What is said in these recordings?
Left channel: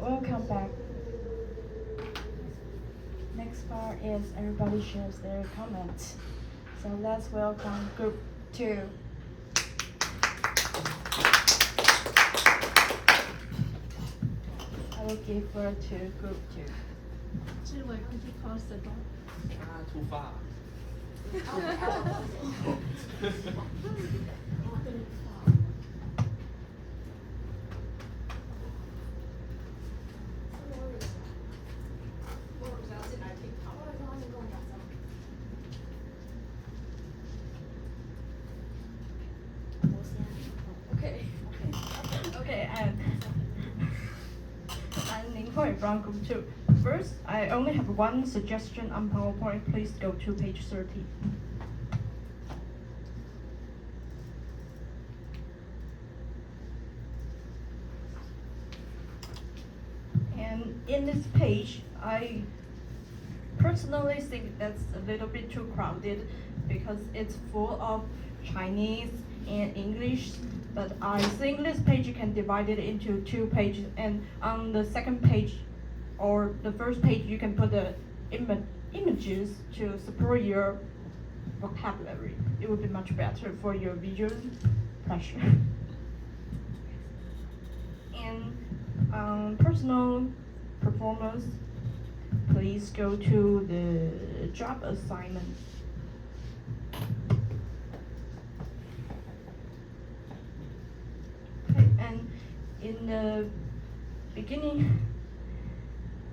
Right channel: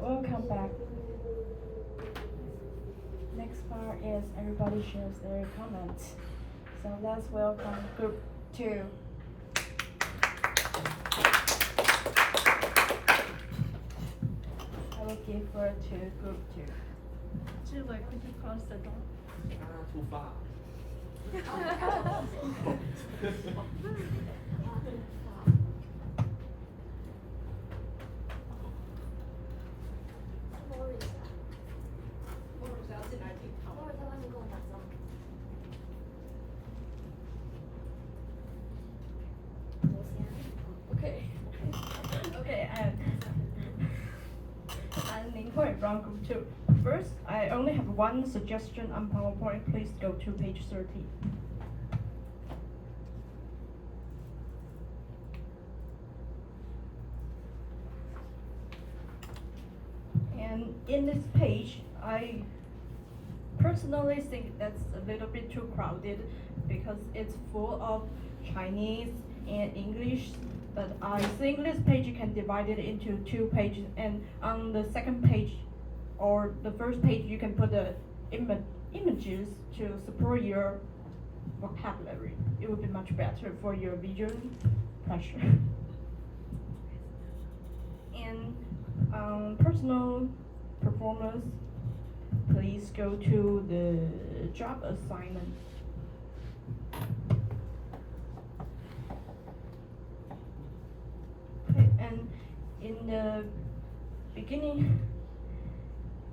We'll come back. Next part is everybody shares their comments. So let's welcome group 2. I will give word to group 2. 志伟 could you close the door? Too far. Okay, and I'm Ning Hui from group 2. First, I only have one suggestion on PowerPoint. Please go to page 30. And in this page, I personally think that's a little bit too crowded because it's full of Chinese and English, but I think this page can divide it into 2 pages, and on the second page or the first page you can put the images to support your vocabulary. It would be much better for your visual pleasure. And personal performance, please go to the job assignment. Okay, and in the beginning,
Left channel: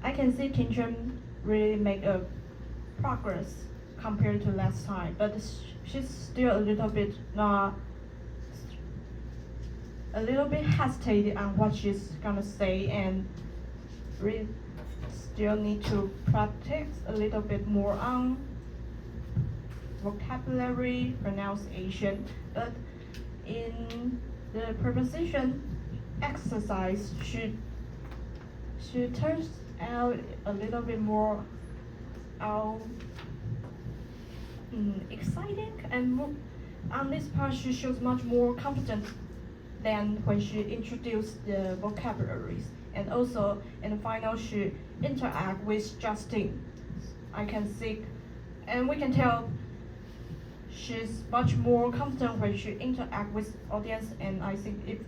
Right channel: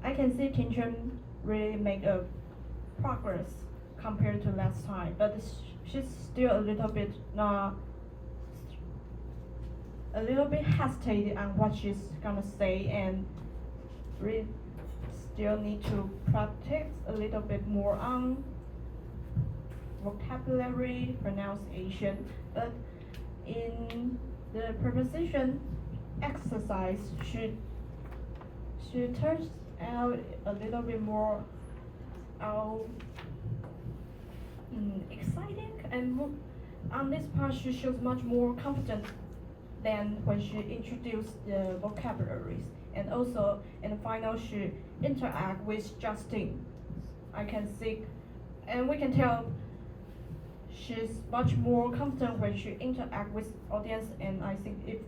I can see Tinchen really make a progress compared to last time, but she's still a little bit hesitating on what she's gonna say, and really still need to practice a little bit more on vocabulary pronunciation. But in the preposition exercise, she turns out a little bit more exciting, and on this part she shows much more confidence than when she introduced the vocabularies. And also in the final she interact with Justin. I can see, and we can tell she's much more confident when she interact with audience, and I think if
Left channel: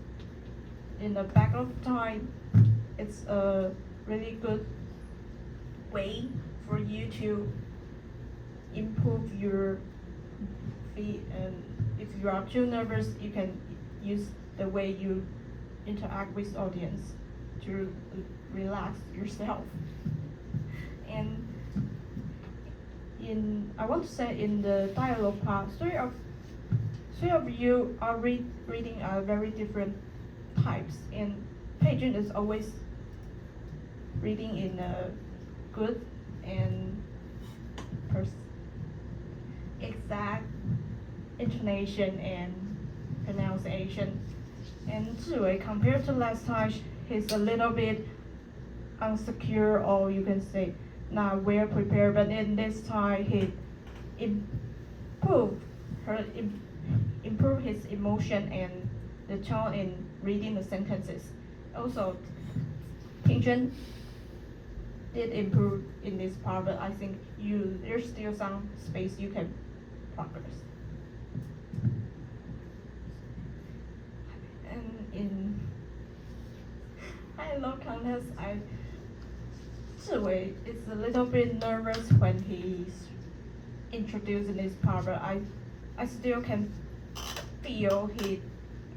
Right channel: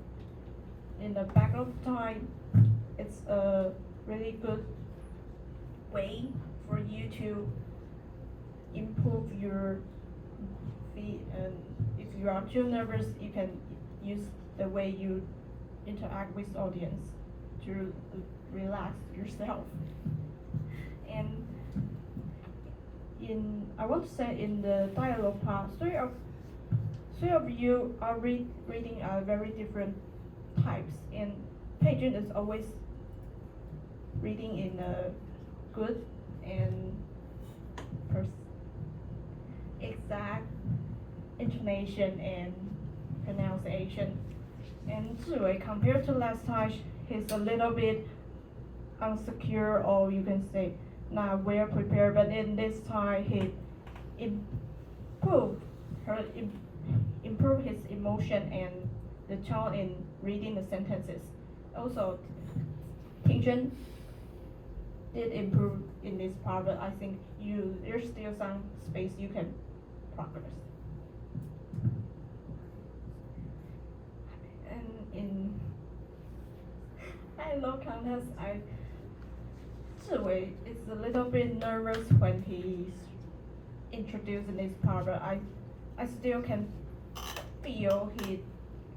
in the back of time it's a really good way for you to improve your feet, and if you are too nervous you can use the way you interact with audience to relax yourself. And I want to say in the dialogue part, three of you are reading very different types, and Peijun is always reading in a good and exact intonation and pronunciation. And Zhiwei, compared to last time, he's a little bit insecure, or you can say not well prepared, but in this time he improved his emotion and the tone in reading the sentences. Also, Tingjun did improve in this part, but I think there's still some space you can progress. And in high-low contest, Zhiwei is a little bit nervous when he's introducing this part, but I still can feel he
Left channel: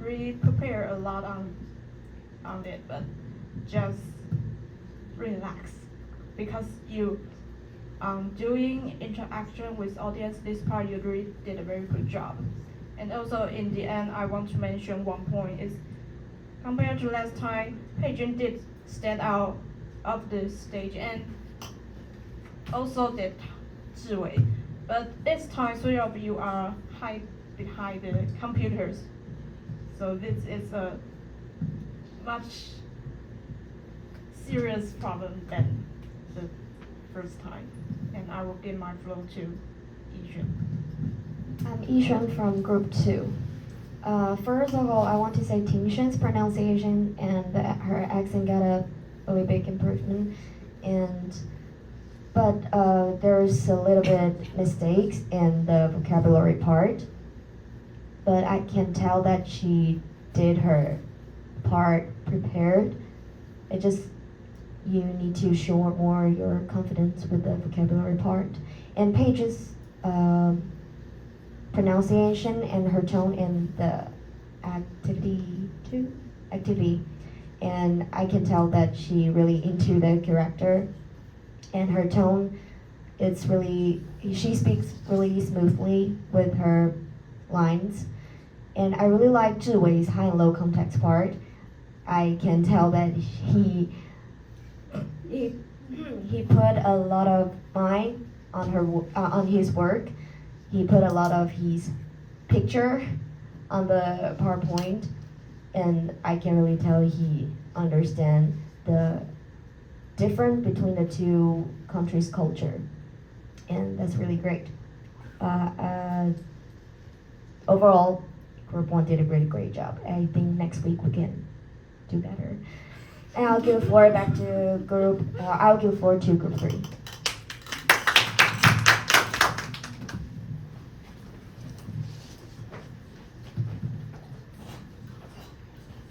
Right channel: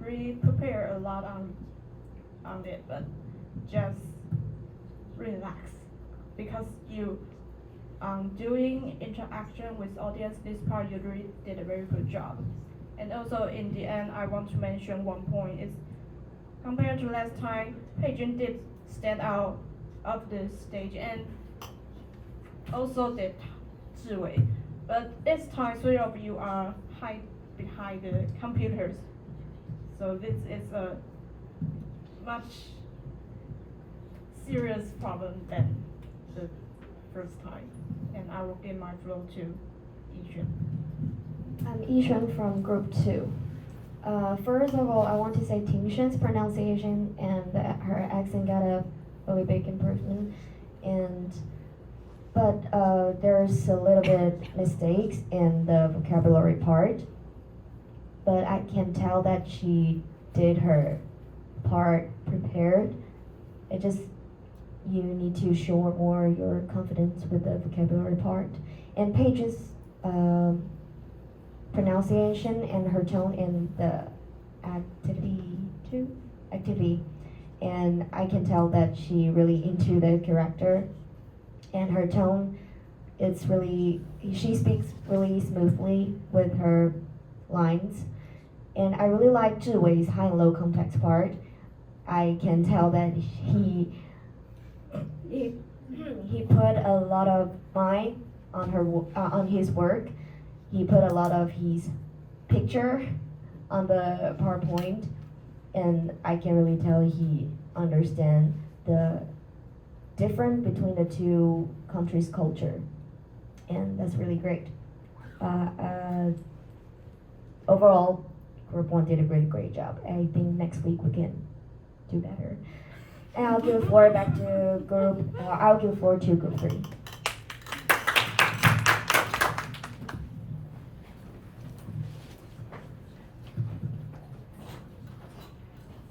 really prepared a lot on it, but just relax, because you doing interaction with audience, this part you really did a very good job. And also in the end, I want to mention one point is, compared to last time, Peijun did stand out of the stage, and also did Zhiwei. But this time, 3 of you are hide behind the computers. So this is a much serious problem than the first time. And I will give my floor to Yixuan. I'm Yixuan from Group 2. First of all, I want to say Ting Xuan's pronunciation and her accent got a really big improvement, but there's a little bit mistakes in the vocabulary part. But I can tell that she did her part prepared. It just you need to show more your confidence with the vocabulary part. And Paige's pronunciation and her tone in the activity, and I can tell that she really into the character, and her tone, it's really, she speaks really smoothly with her lines, and I really like Zhiwei's high and low context part. I can tell that he put a lot of mind on on his work. He put a lot of his picture on the PowerPoint, and I can really tell he understand the difference between the two countries' culture, and that's really great. Overall, Group 1 did a great job. I think next week we can do better. And I'll give floor back to I'll give floor to Group 3.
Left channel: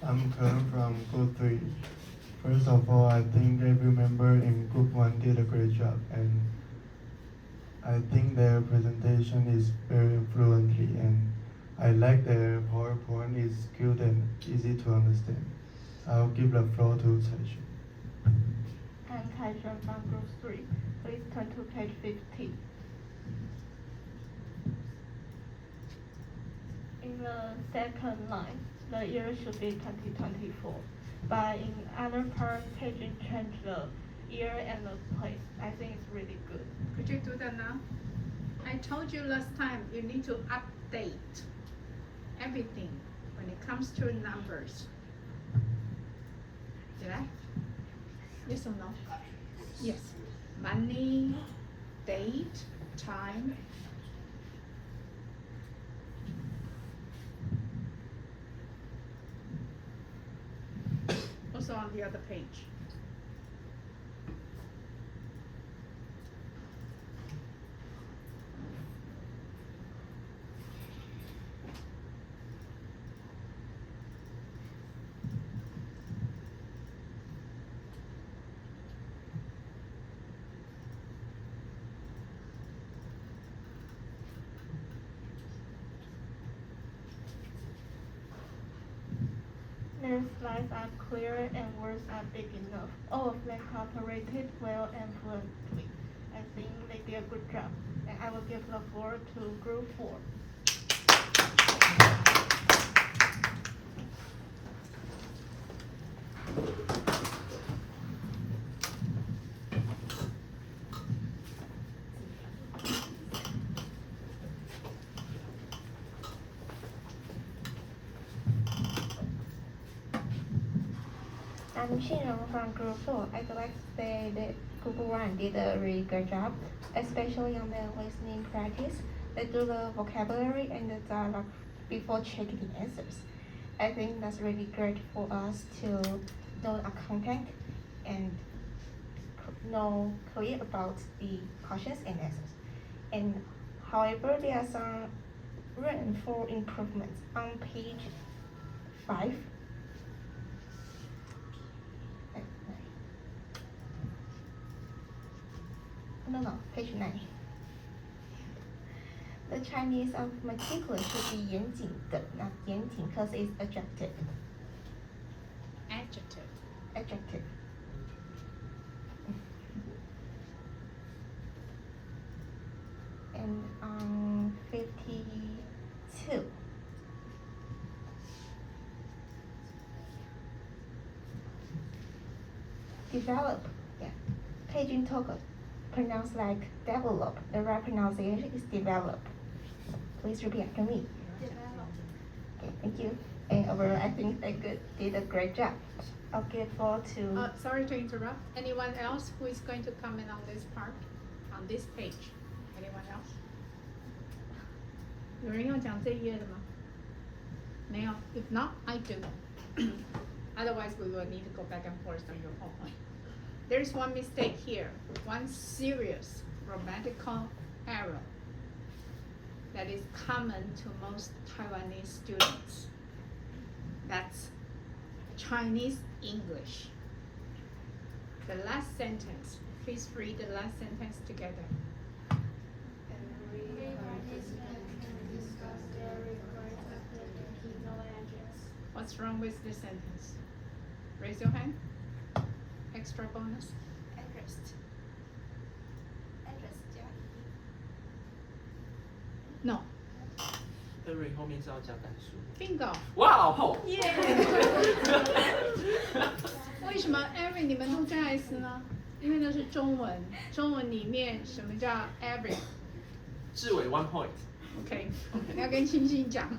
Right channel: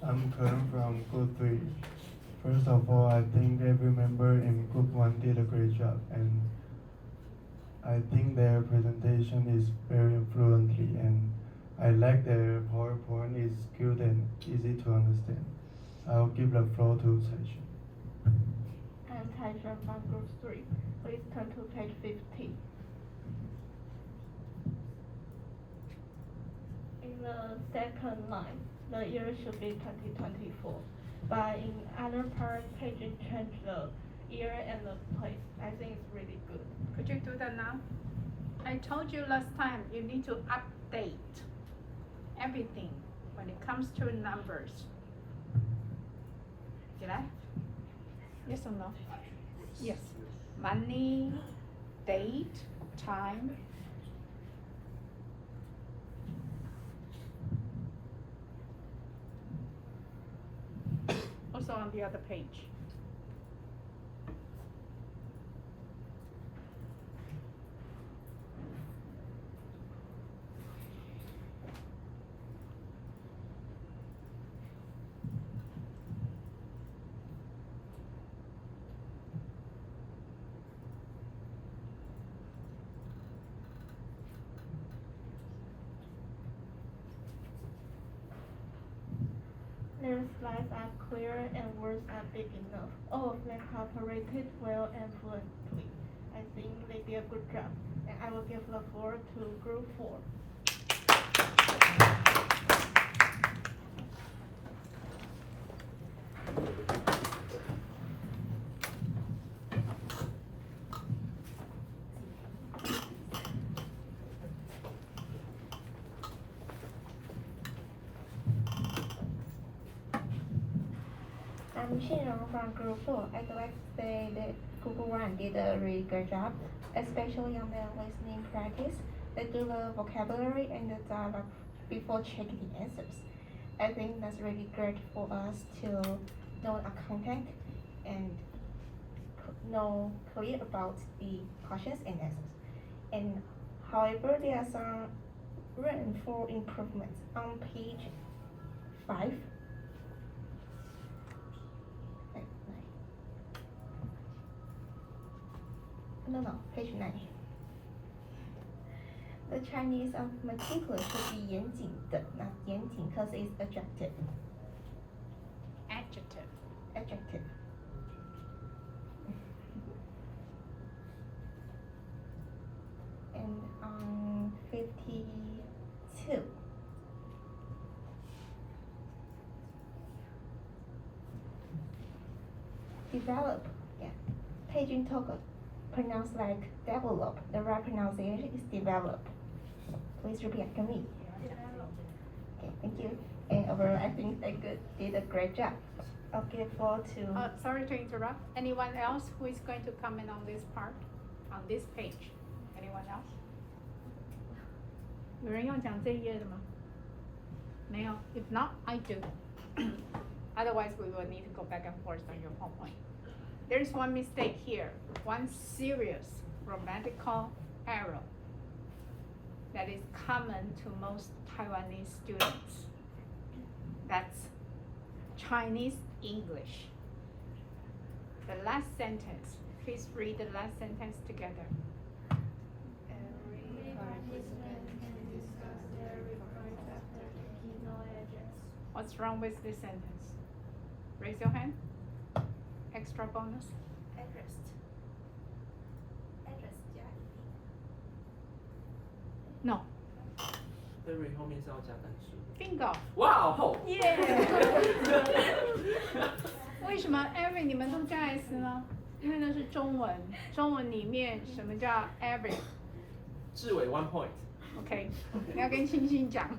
I'm Kern from Group 3. First of all, I think every member in Group 1 did a great job, and I think their presentation is very fluently, and I like their PowerPoint is good and easy to understand. I'll give the floor to Tsailing. I'm Kaisha from Group 3. Please turn to page 15. In the second line, the year should be 2024. But in other part, paging change the year and the place. I think it's really good. Could you do that now? I told you last time you need to update everything when it comes to numbers. Did I? Yes or no? Yes. Money, date, time. Also on the other page. Their slides are clear and words are big enough. All of them cooperated well and fluently. I think they did a good job. And I will give the floor to Group 4. I'm Shinrong from Group 4. I'd like to say that Group 1 did a really good job, especially on the listening practice. They do the vocabulary and the dialogue before checking the answers. I think that's really great for us to know our content and know clear about the questions and answers. And however, there are some room for improvements on page 5. No, page 9. The Chinese of meticulous should be 严谨的, not 严谨, because it's adjective. Adjective. And on 52. Develop. Yeah. Paging Togo. Pronounced like develop. The right pronunciation is develop. Please repeat after me. Develop. Okay, thank you. And overall, I think they did a great job. I'll give floor to. Sorry to interrupt. Anyone else who is going to comment on this part, on this page? Anyone else? 有人要讲这一页的吗？ Now, if not, I do. Otherwise, we will need to go back and forth on your PowerPoint. There's one mistake here, one serious grammatical error that is common to most Taiwanese students. That's Chinese English. The last sentence, please read the last sentence together. What's wrong with this sentence? Raise your hand. Extra bonus. Address 加 No. every 后面是要加单数。 Bingo. 哇哦！耶！为什么 every 你们都加 s 呢？因为那是中文，中文里面什么叫 every？ 志伟 1 point。 OK， 要跟星星讲。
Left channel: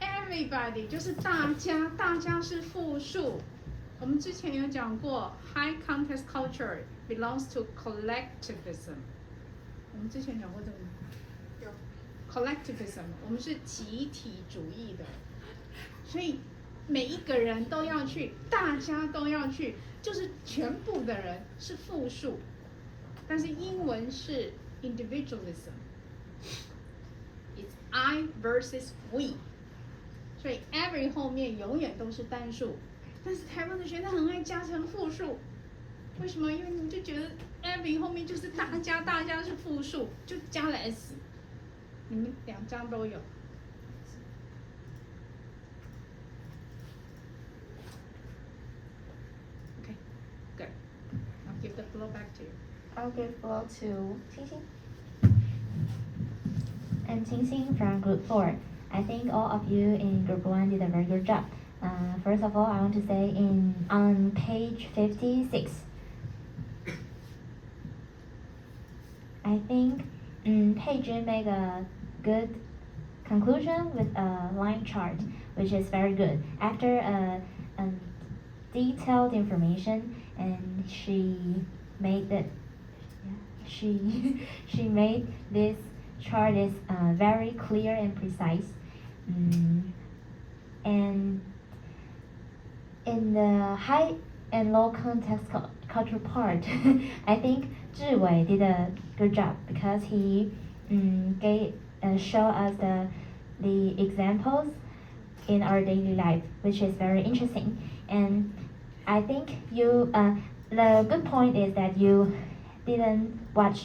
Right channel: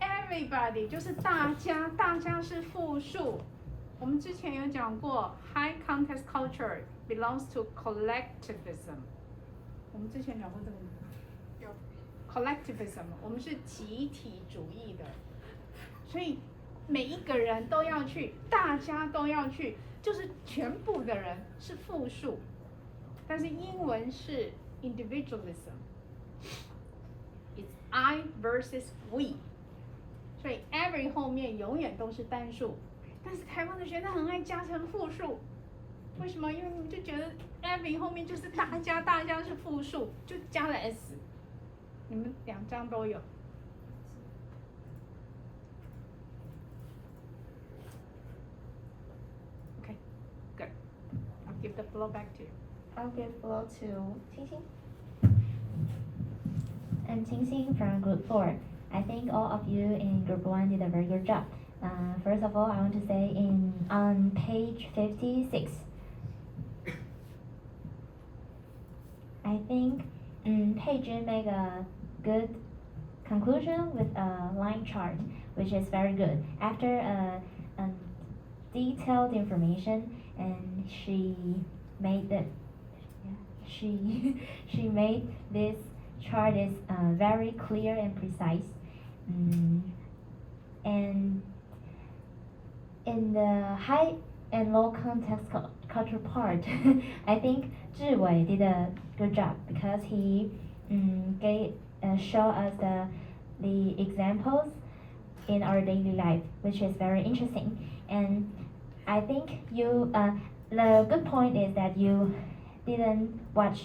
Everybody 就是大家，大家是复数。我们之前有讲过 ，high context culture belongs to collectivism。我们之前讲过这个吗？有。Collectivism， 我们是集体主义的，所以每一个人都要去，大家都要去，就是全部的人是复数。但是英文是 individualism。It's I versus we， 所以 every 后面永远都是单数，但是台湾的学生很爱加成复数，为什么？因为你们就觉得 every 后面就是大家，大家是复数，就加了 s， 你们两张都有。Okay, good. I'll give the floor back to you. I'll give floor to Qingxing. I'm Qingxing from Group 4. I think all of you in Group 1 did a very good job. First of all, I want to say on page 56, I think Peijun made a good conclusion with a line chart, which is very good. After detailed information, and she made this chart is very clear and precise. And in the high and low context culture part, I think Zhi Wei did a good job because he show us the examples in our daily life, which is very interesting. And I think the good point is that you didn't look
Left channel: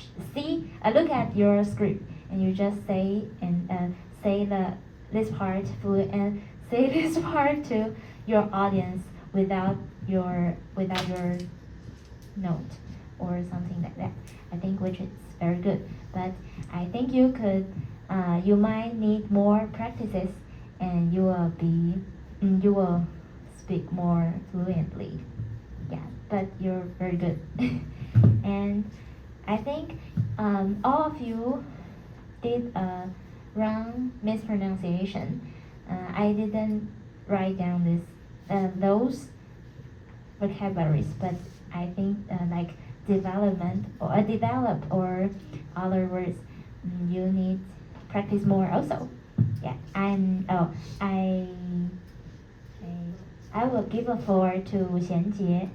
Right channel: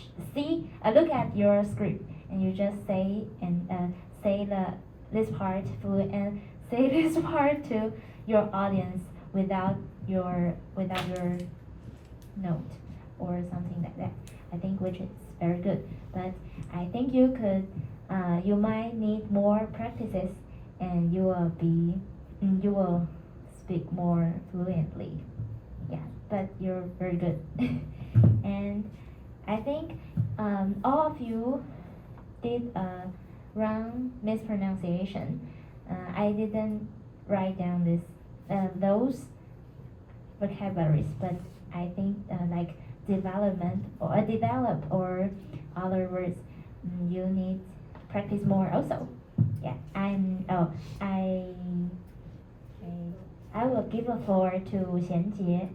at your script and you just say this part and say this part to your audience without your note or something like that. I think which is very good, but I think you might need more practices and you will speak more fluently. Yeah, but you're very good. And I think all of you did a wrong mispronunciation. I didn't write down those vocabularies, but I think like develop or other words, you need practice more also. Yeah, I will give a floor to Xianjie.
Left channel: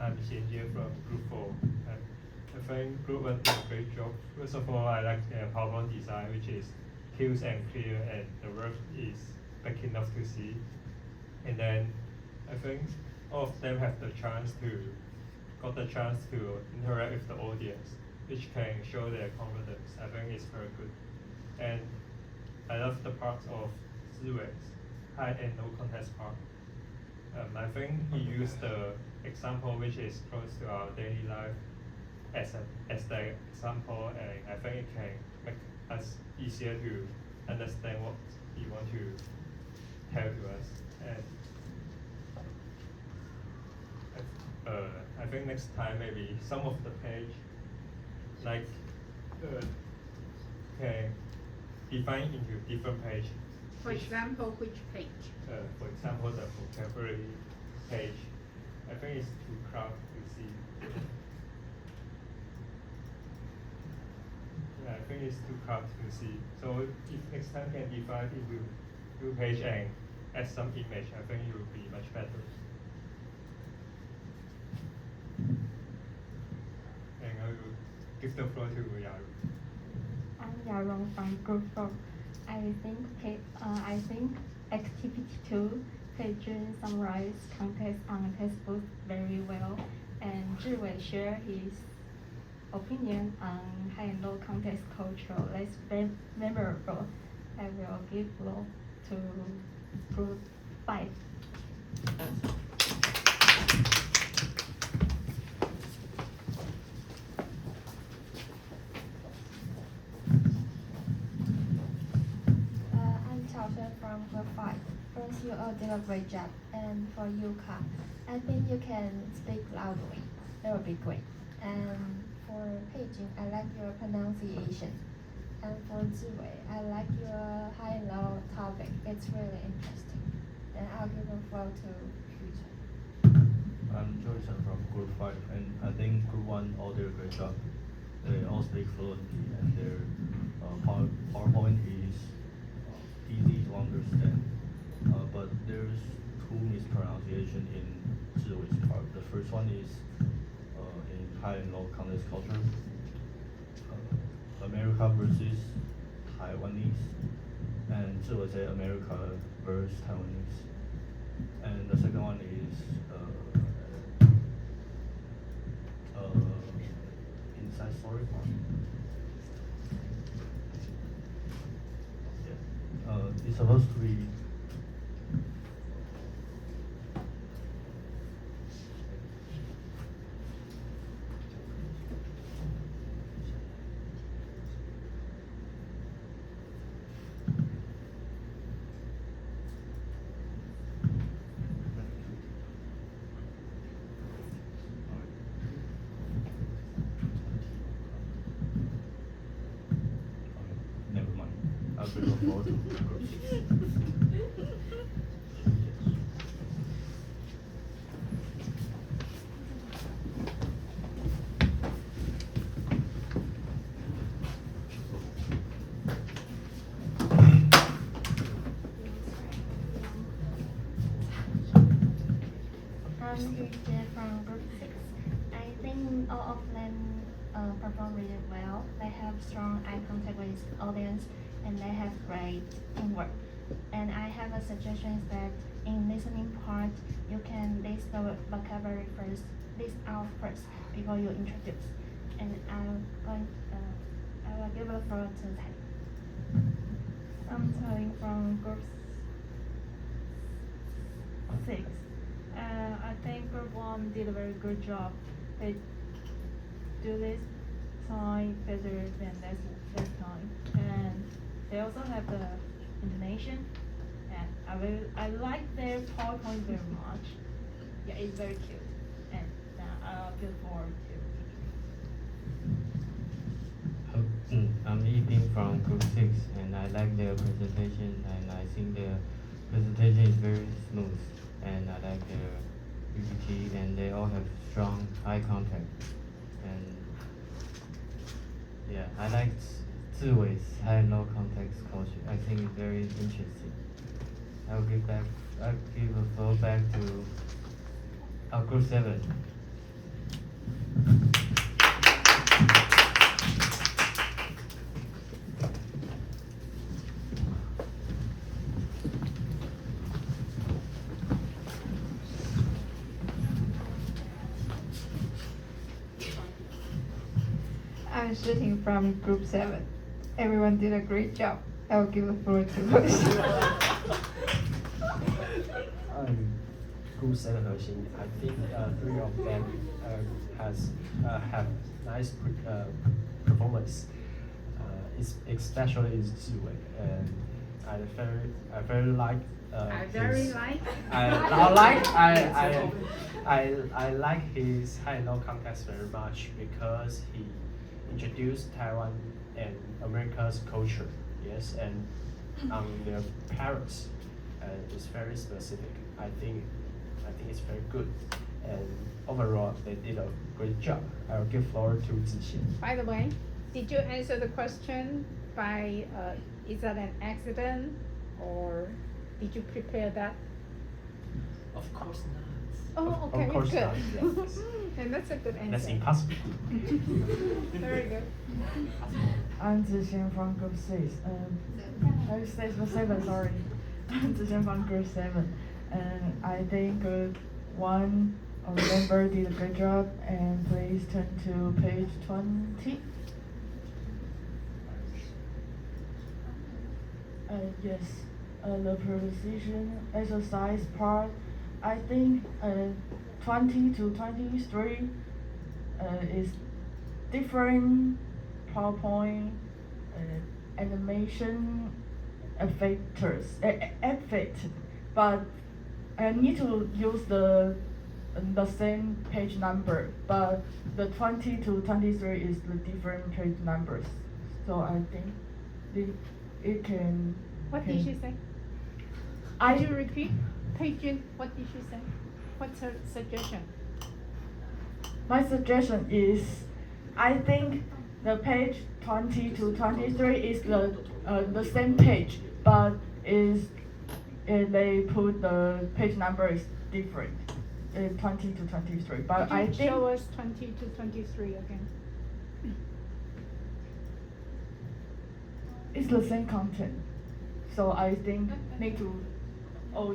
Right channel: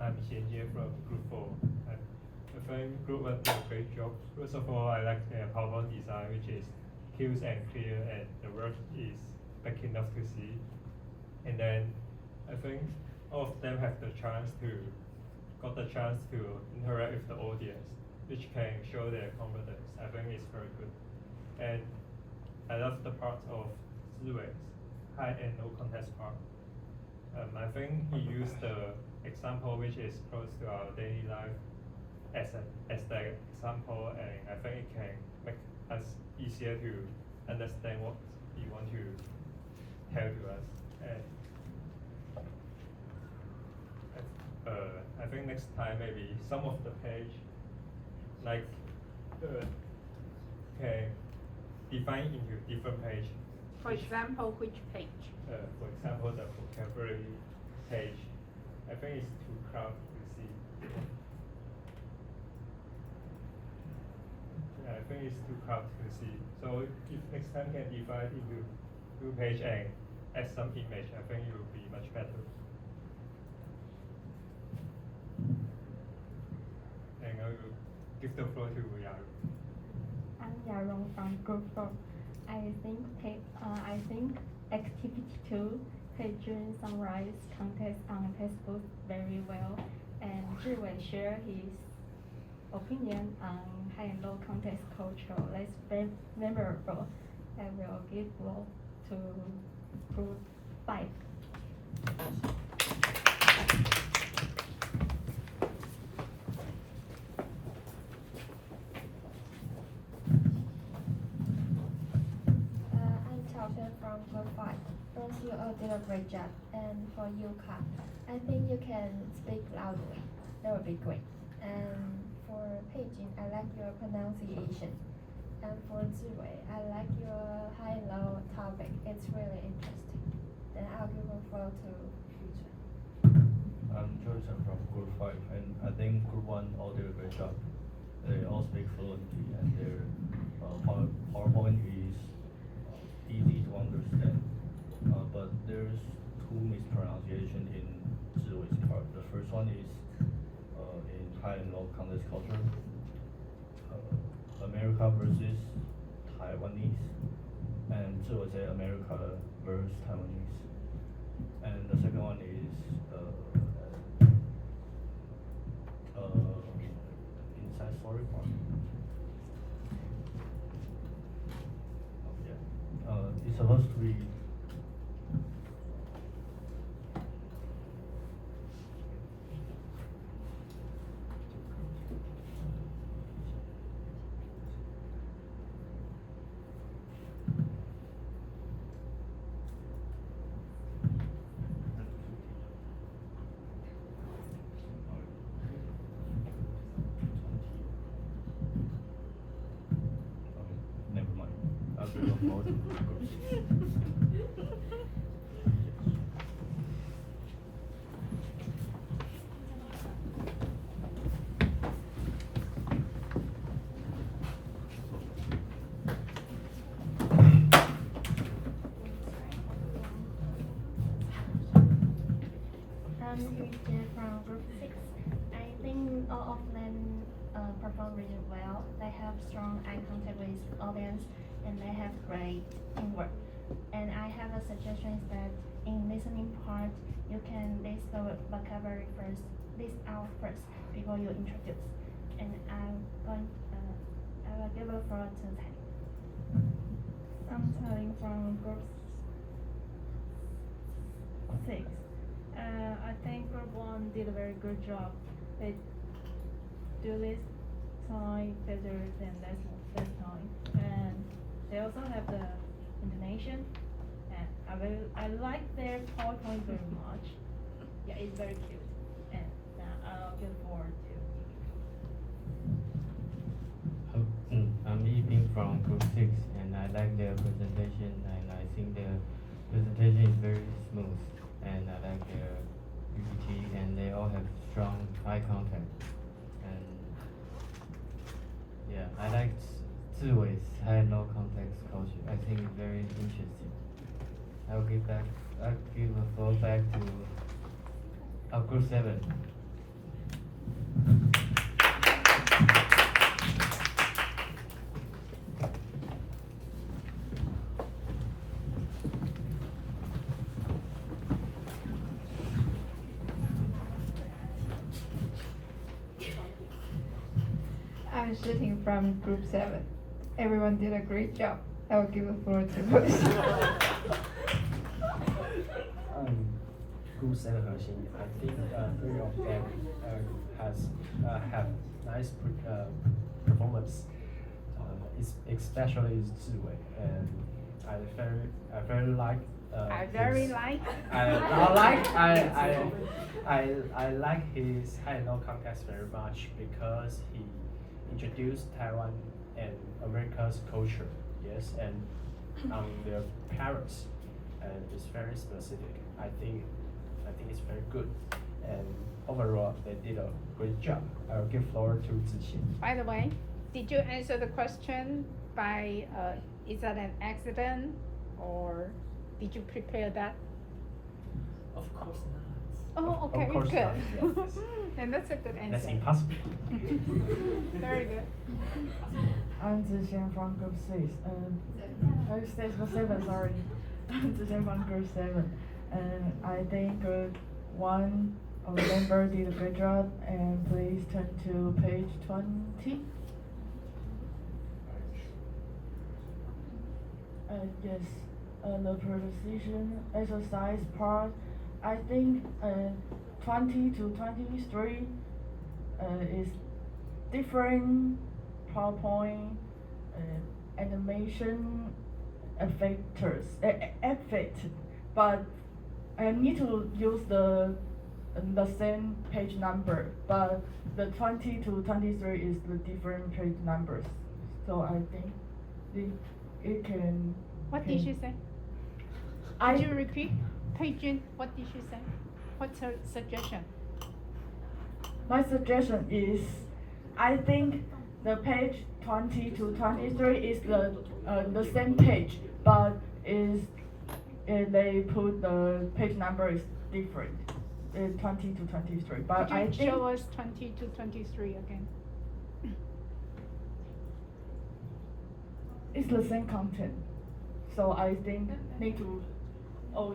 I'm Xianjie from Group 4. I think Group 1 did a great job. First of all, I like the PowerPoint design, which is cute and clear, and the work is big enough to see. And then I think all of them got the chance to interact with the audience, which can show their confidence. I think it's very good. And I love the part of Ziwei's high and low context part. I think he used the example which is close to our daily life as the example, and I think it can make us easier to understand what he want to tell to us. And I think next time maybe some of the page like can define into different page. For example, which page? For example, the vocabulary page. I think it's too crowded to see. I think it's too hard to see. So if next time can divide into two page and add some image, I think it will be much better. And I will give the floor to Yang. I'm Yarong from Group 4. I think activity 2 Pedrin summarized context on textbook very well, and Zhiwei shared his opinion on high and low context culture. That's very memorable. I will give floor to Group 5. I'm Chao from Group 5. First, you all did a great job. And for you, Ka, I think you can speak loudly. That would be great. And for Peijing, I like your pronunciation. And for Ziwei, I like your high and low topic. It's really interesting. Then I'll give the floor to Future. I'm Joyson from Group 5, and I think Group 1 all did a great job. They all speak fluently, and their PowerPoint is easy to understand. But there's two mispronunciation in Zhiwei's part. The first one is in high and low context culture, America versus Taiwanese, and Zhiwei say America versus Taiwanese. And the second one is inside story part. Yeah. It's supposed to be never mind. I'll give a floor to Group 6. I'm Yuji from Group 6. I think all of them perform really well. They have strong eye contact with audience, and they have great teamwork. And I have a suggestion that in listening part, you can list the vocabulary first, list out first before you introduce. And I will give the floor to Tai. I'm Tsailing from Group 6. I think Group 1 did a very good job. They do this time better than last time, and they also have the intonation. And I like their PowerPoint very much. Yeah, it's very cute. And now I'll give forward to. I'm Yiping from Group 6, and I like their presentation, and I think their presentation is very smooth, and I like their PPT, and they all have strong eye contact. And yeah, I like Ziwei's high and low context culture. I think it's very interesting. I'll give the floor back to Group 7. I'm shooting from Group 7. Everyone did a great job. I will give the floor to Bruce. Group 7 核心, I think 3 of them have nice performance. Especially is Ziwei, and I very like. I like his high and low context very much because he introduced Taiwan and America's culture. Yes, and on their parents, it's very specific. I think it's very good, and overall they did a great job. I will give floor to Zixian. By the way, Did you answer the question by, is that an accident, or did you prepare that? Of course not. Oh, Of okay, course good. not, yes. And that's a good answer. That's impossible. Very good. I'm Zixian from Group 6. Stage 7, sorry. I'm Zixian from Group 7. And I think Group 1 of the member did a great job. And please turn to page 20. Yes, the proposition exercise part, I think 20 to 23 is different PowerPoint animation effect, but I need to use the same page number, but the 20 to 23 is the different page numbers. So I think it can. What did she say? Did you repeat? Page, what did she say? What's her suggestion? My suggestion is, I think the page 20 to 23 is the same page, but they put the page number is different, 20 to 23. But Could I you think show us 20 to 23 again? it's the same content, so I think need to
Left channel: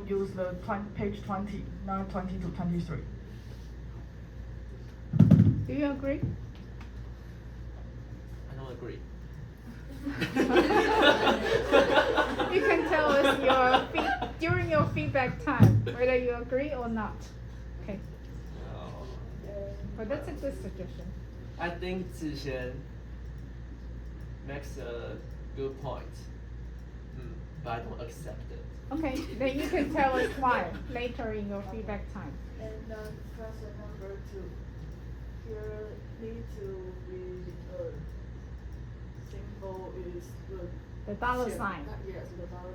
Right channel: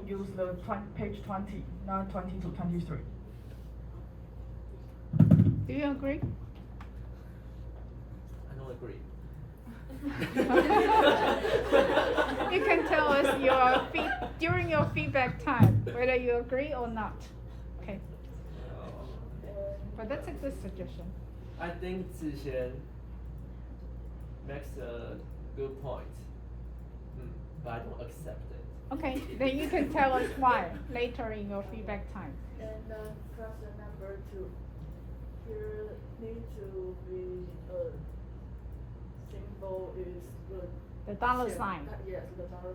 use the page 20, not 20 to 23. Do you agree? I don't agree. You can tell us during your feedback time whether you agree or not. Okay, but that's a good suggestion. I think Zixian makes a good point, but I don't accept it. Okay, then you can tell us why later in your feedback time. And question number 2. Here need to be symbol is The dollar sign, Yes, the dollar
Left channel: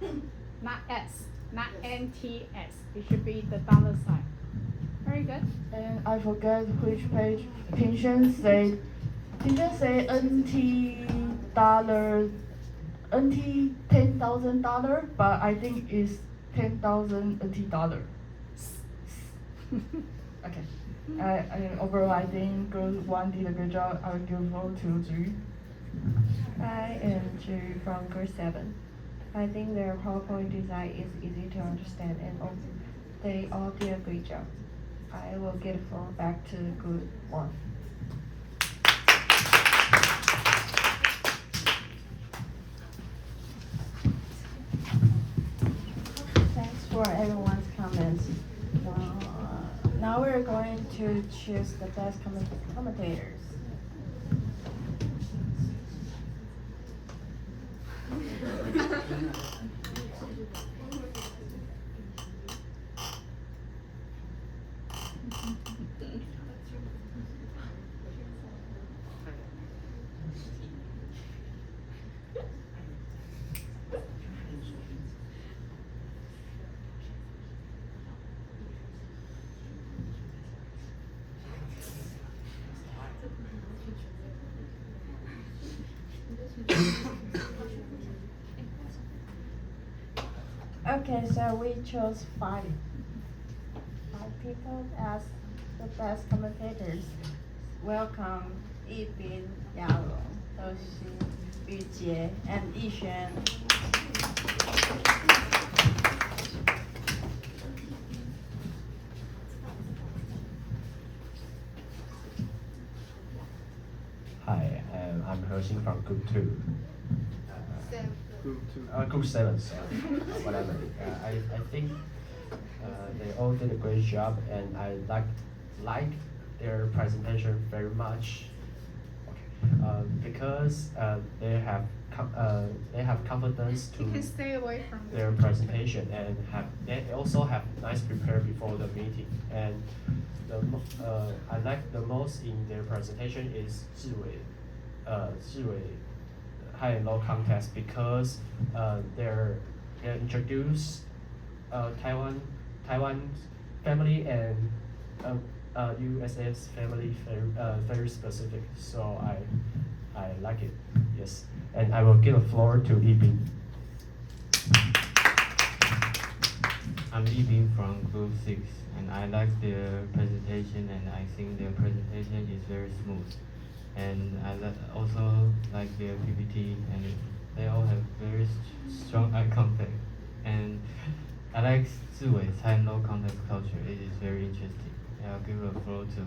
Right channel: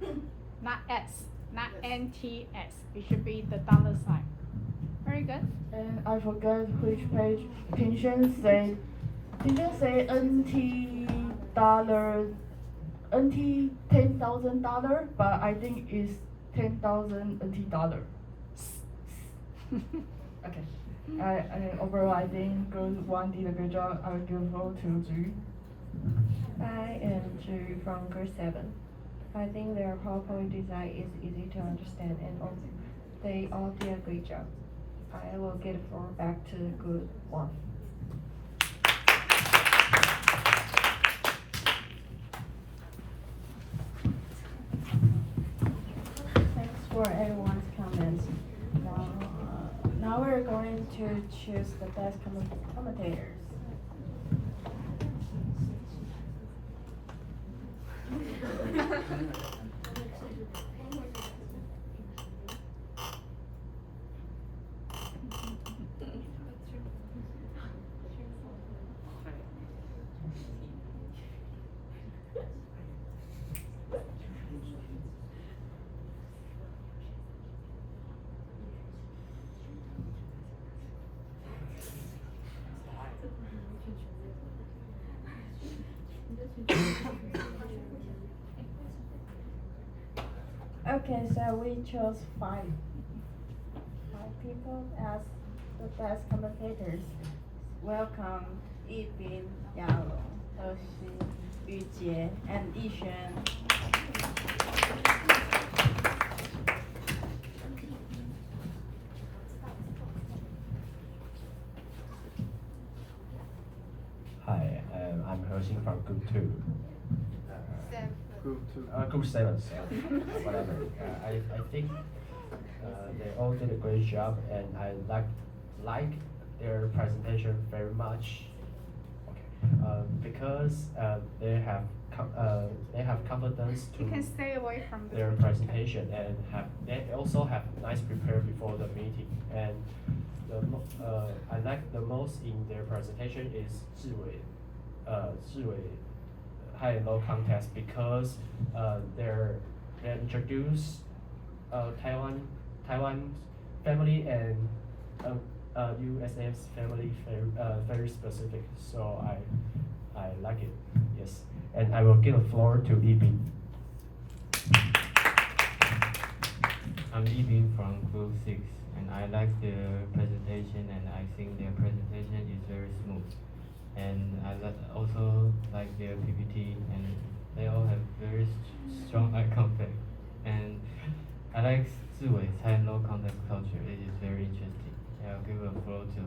sign. not S, not Yes. NTS. It should be the dollar sign. Very good. And I forget which page. Tingshan say NT dollar, NT $10,000, but I think it's 10,000 NT dollar. Okay. Overall, I think Group 1 did a good job. I will give vote to Zhu. I am Zhu from Group 7. I think their PowerPoint design is easy to understand and they all did a great job. I will give the floor back to Group 1. Thanks for everyone's comments. Now we're going to choose the best commentators. Okay, so we chose five people as the best commentators. Welcome Yibin, Yalong, Hershey, Yujie, and Yixuan. Hi, I'm Hershing from Group 2. Group 7, sorry. Whatever. I think they all did a great job, and I like their presentation very much. Okay. Because they have confidence You to can stay away from their presentation, and they also have nice prepare before the meeting. And I like the most in their presentation is Zhiwei high and low context, because they introduce Taiwan family and USS family very specific. So I like it. Yes, and I will give the floor to Yibing. I'm Yibing from Group 6, and I like their presentation, and I think their presentation is very smooth. And I also like their PPT, and they all have very strong eye contact. And I like Ziwei's high and low context culture. It is very interesting. And I'll give the floor to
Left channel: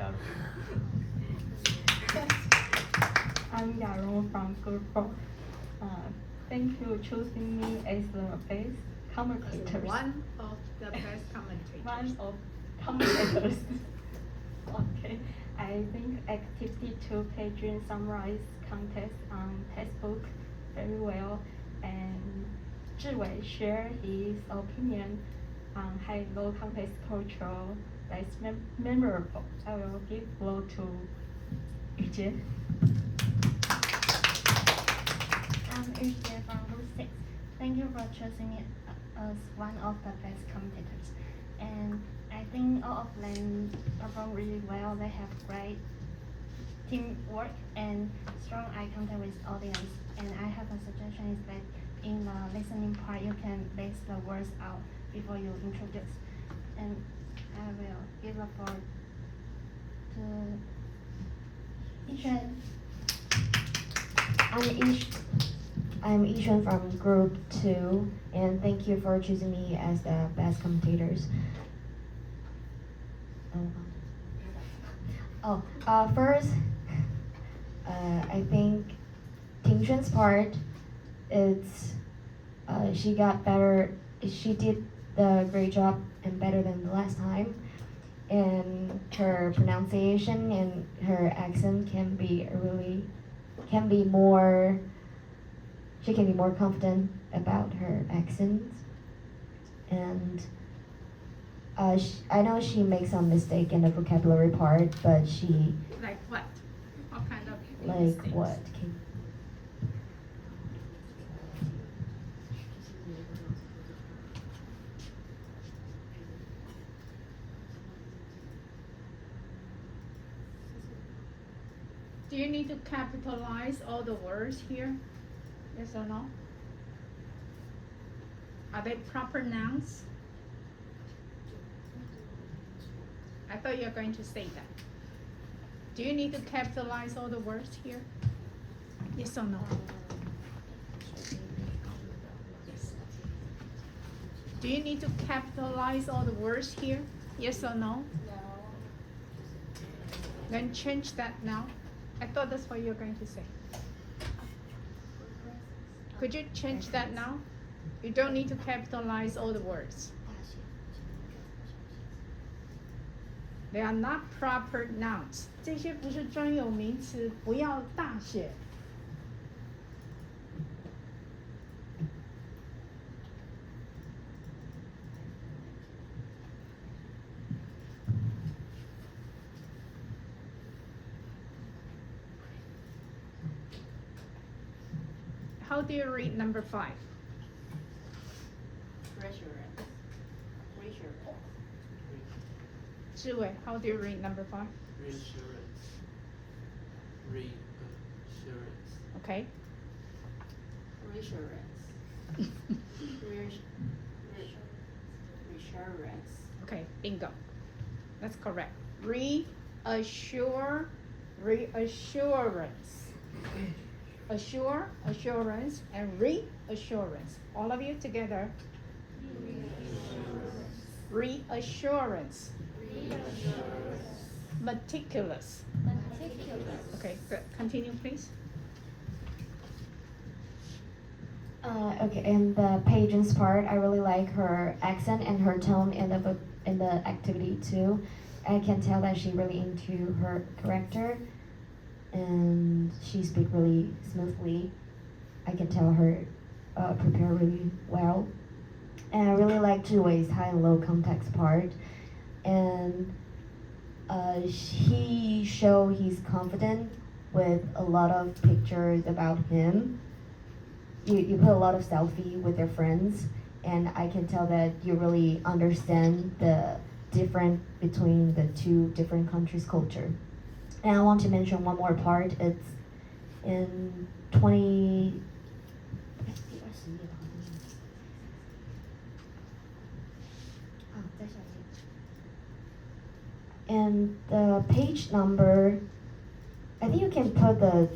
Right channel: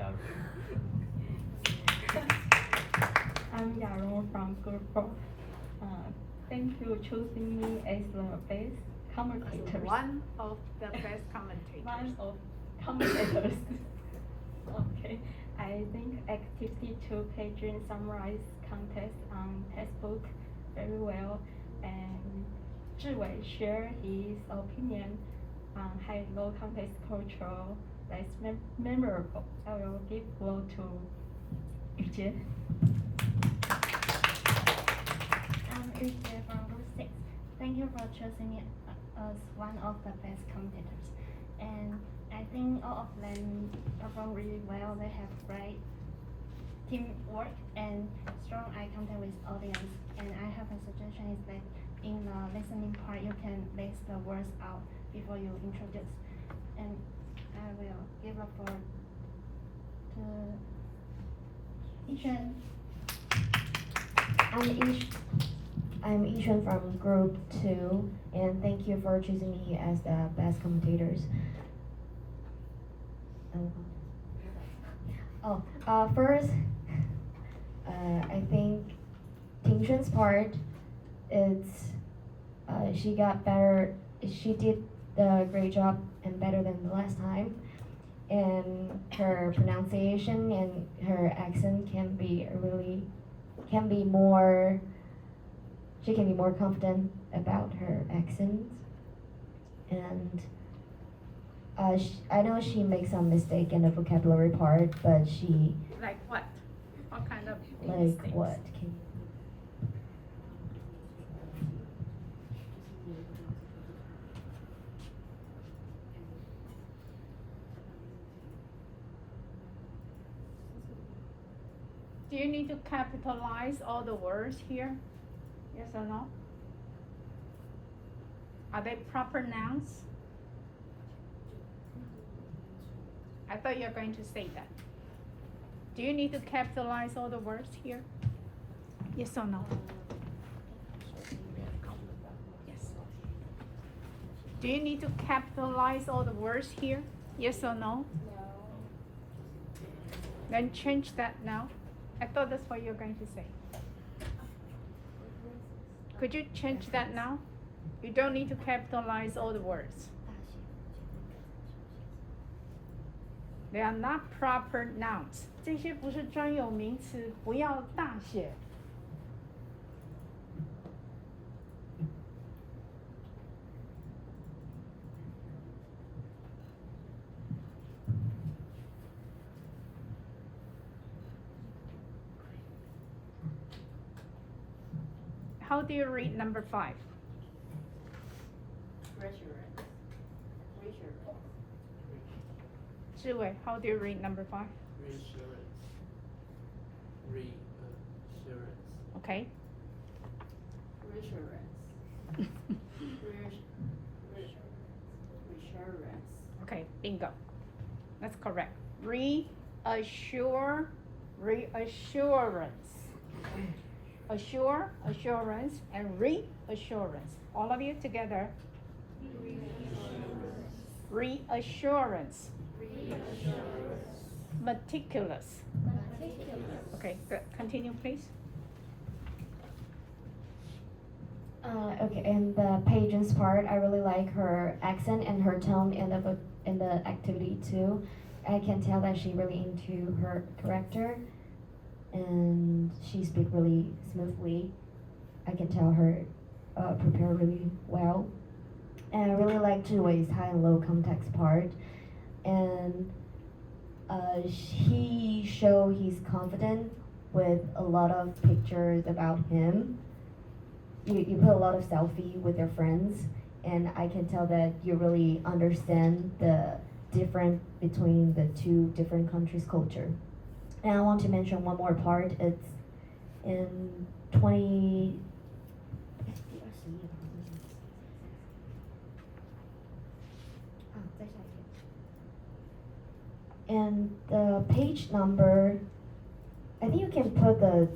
Yaro. I'm Yaro from Group 4. Thank you choosing me as the best commentator. One of the best commentators. One of commentators. Okay, I think activity 2 pages summarize context on textbook very well, and Zhiwei share his opinion on high low context culture that's memorable. I will give floor to Yujie. I'm Yujie from Group 6. Thank you for choosing me as one of the best commentators. And I think all of them perform really well. They have great teamwork and strong eye contact with audience. And I have a suggestion is that in the listening part, you can list the words out before you introduce. And I will give a floor to Yishan. I'm Yishan from Group 2, and thank you for choosing me as the best commentators. First, I think Tingxuan's part, she got better. She did the great job and better than the last time. And her pronunciation and her accent can be more. She can be more confident about her accent, and I know she makes some mistake in the vocabulary part, but she Like what? What kind of like mistakes? what? Do you need to capitalize all the words here? Yes or no? Are they proper nouns? I thought you were going to say that. Do you need to capitalize all the words here? Yes or no? Yes. Do you need to capitalize all the words here? Yes or no? No. Then change that now. I thought that's what you were going to say. Could you change that now? You don't need to capitalize all the words. They are not proper nouns. 这些不是专有名词，不要大写。How do you read number 5? Reassurance. Reassurance. 志伟, how do you read number 5? Reassurance. Reassurance. Okay. Reassurance. Reassurance. Okay, bingo. That's correct. Reassurance. Assure, assurance, and reassurance. All of you together. Reassurance. Meticulous. Okay, good. Continue, please. Okay, in the Pageant's part, I really like her accent and her tone in the activity too. I can tell that she really into her character, and she speaks really smoothly. I can tell her prepare really well. And I really like Zhiwei's high and low context part, and he show he's confident with a lot of pictures about him. You put a lot of selfie with your friends, and I can tell that you really understand the difference between the two different countries' culture. And I want to mention one more part. It's in 20. And the page number, I think you can put the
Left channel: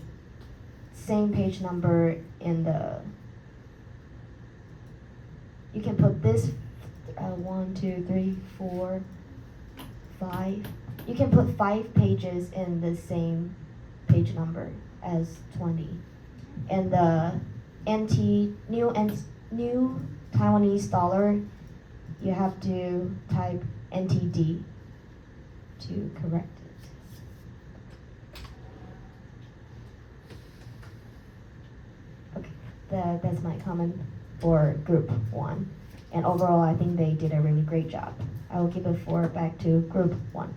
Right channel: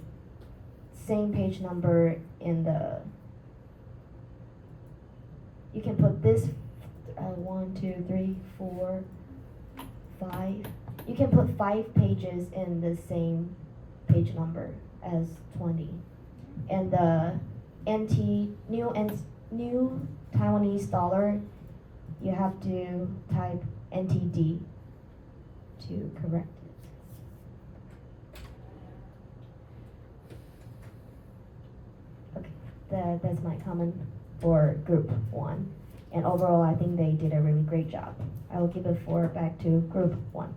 same page number in the. You can put this 1, 2, 3, 4, 5. You can put 5 pages in the same page number as 20. And the new Taiwanese dollar, you have to type NTD to correct it. Okay, that's my comment for group 1. And overall, I think they did a really great job. I will give the floor back to group 1.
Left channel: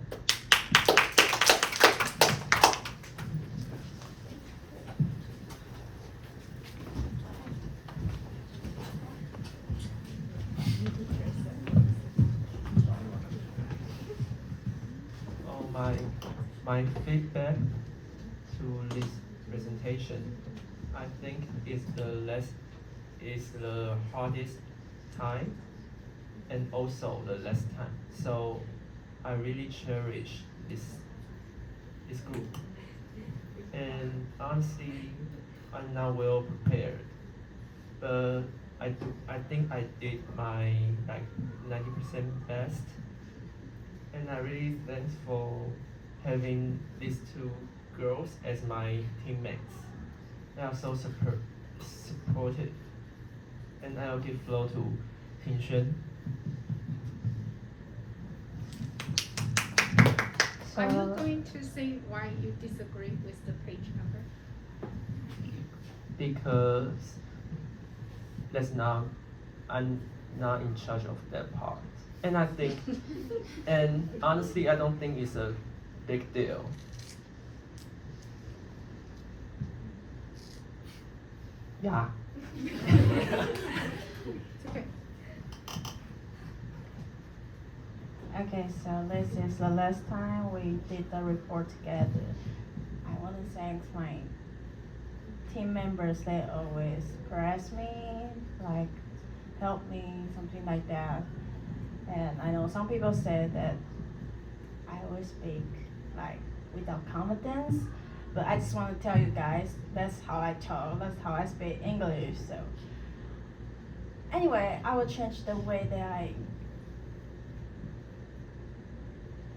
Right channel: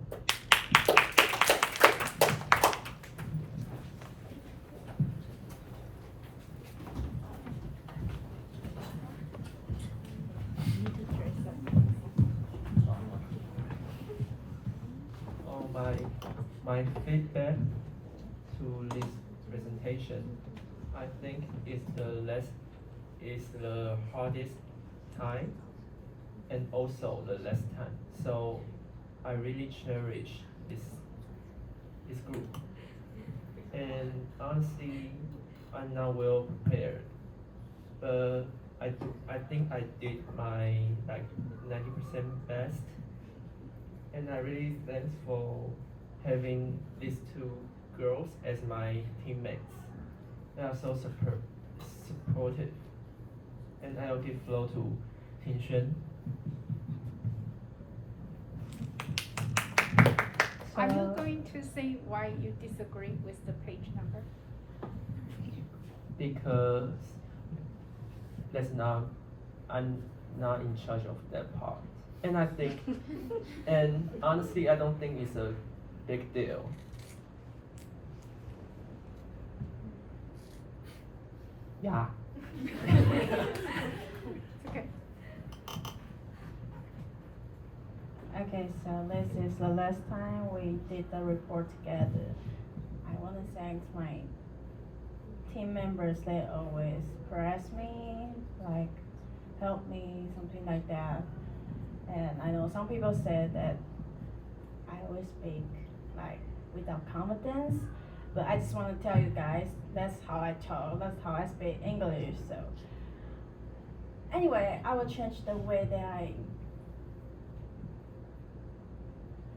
My feedback to this presentation, I think is the hardest time and also the less time. So I really cherish this group. And honestly, I'm not well prepared, but I think I did my 90% best. And I really thanks for having these 2 girls as my teammates. They are so supportive. And I'll give floor to Ting Are you going to say why you disagree with the page number? Because I'm not in charge of that part. And I think, and honestly, I don't think it's a big deal. Yeah. Okay, so this is the last time we did the report together. I want to thank my team members. They always press me, help me, something like that. And I know some people said that I always speak without confidence, but I just want to tell you guys, that's how I talk, that's how I speak English. So anyway, I will change the way that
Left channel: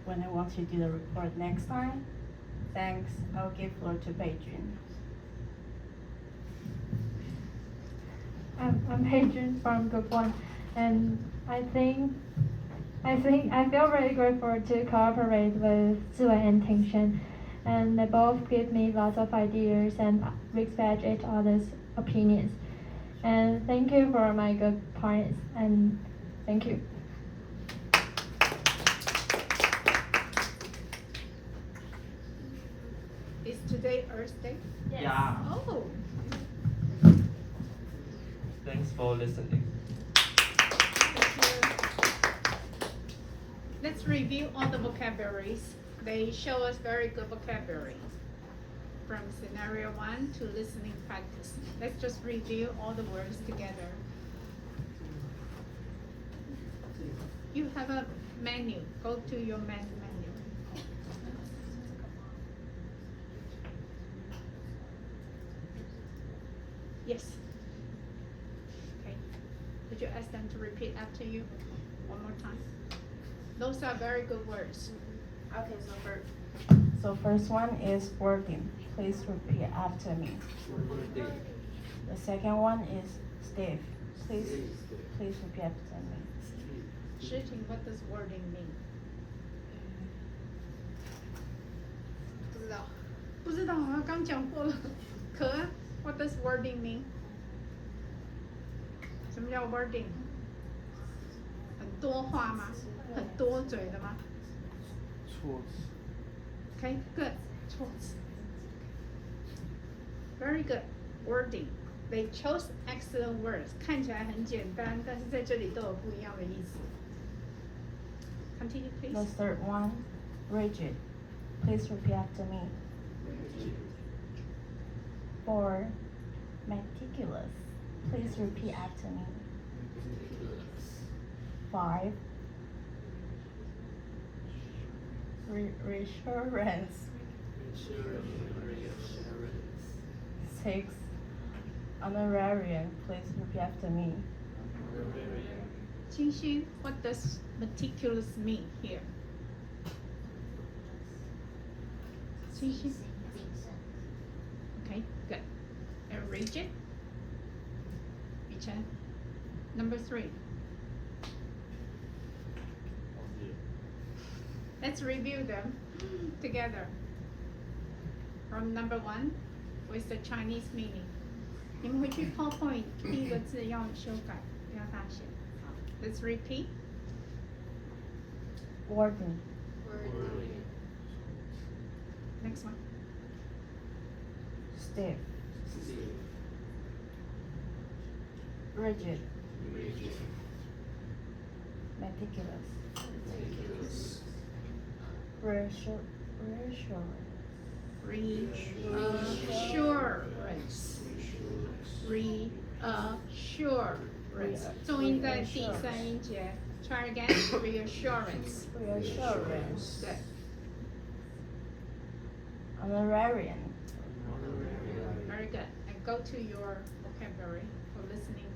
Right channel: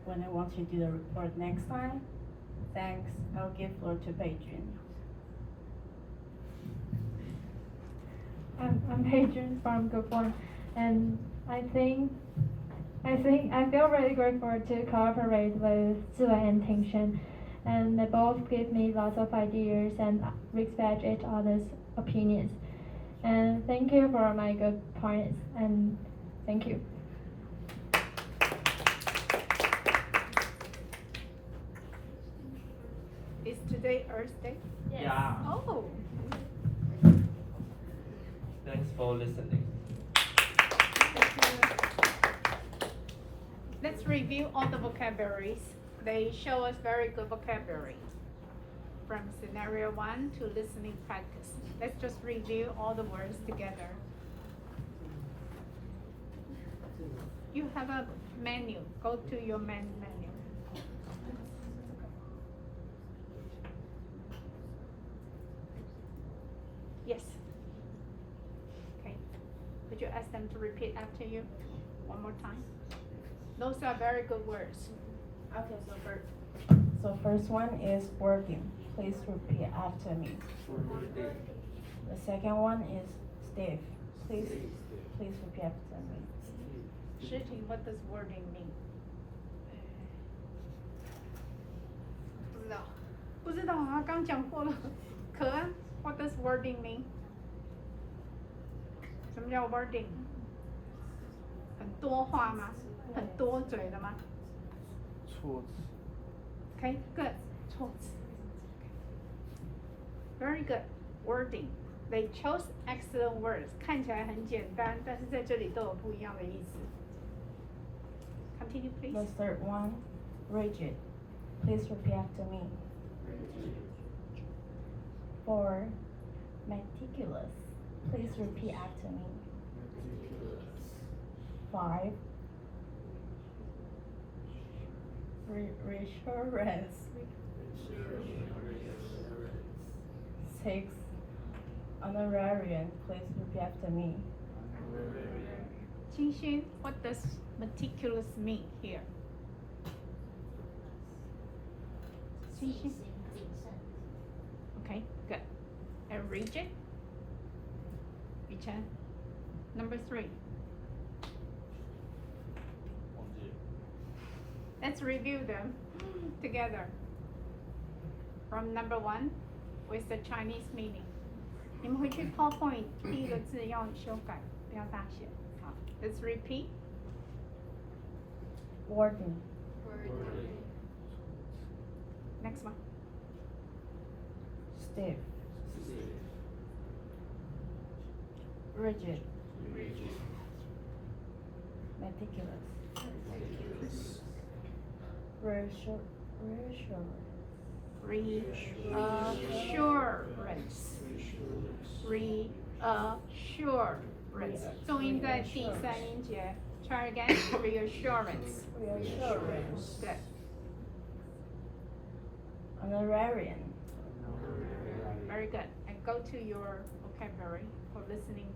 when I want to do the report next time. Thanks. I'll give floor to Beijing. I'm Beijing from Group 1, and I feel very grateful to cooperate with Ziwei and Tingshen, and they both give me lots of ideas and respect each other's opinions. And thank you for my good points, and thank you. Is today Earth Day? Yes. Yeah. Oh. Thanks for listening. Let's review all the vocabularies. They show us very good vocabulary. From scenario 1 to listening practice. Let's just review all the words together. You have a menu. Go to your menu. Yes. Okay. Would you ask them to repeat after you one more time? Those are very good words. Okay, so first one is working. Please repeat after me. The second one is stiff. Please repeat after me. Shitting, what does wording mean? 不知道，我刚讲过了。可啊 what does wording mean? 什么叫 wording? 很多话吗？很多嘴的吗？措辞。 Okay, good. 措辞。Very good. Wording. They chose excellent words. 看起来很简单，但是在这里都有不一样的意思。Continue, please. The third one, rigid. Please repeat after me. 4. Meticulous. Please repeat after me. 5. Reassurance. 6. Honorarium. Please repeat after me. 清新 what does meticulous mean here? 清新 Okay, good. And rigid? Yichen. Number 3. Let's review them together. From number 1 with the Chinese meaning. 你们回去 PowerPoint 第一个字要修改，不要大写。好 Let's repeat. Wording. Next one. Stiff. Rigid. Meticulous. Reassurance. 重音在第3音节。Try again. Reassurance. Good. Honorarium. Very good. And go to your vocabulary for listening.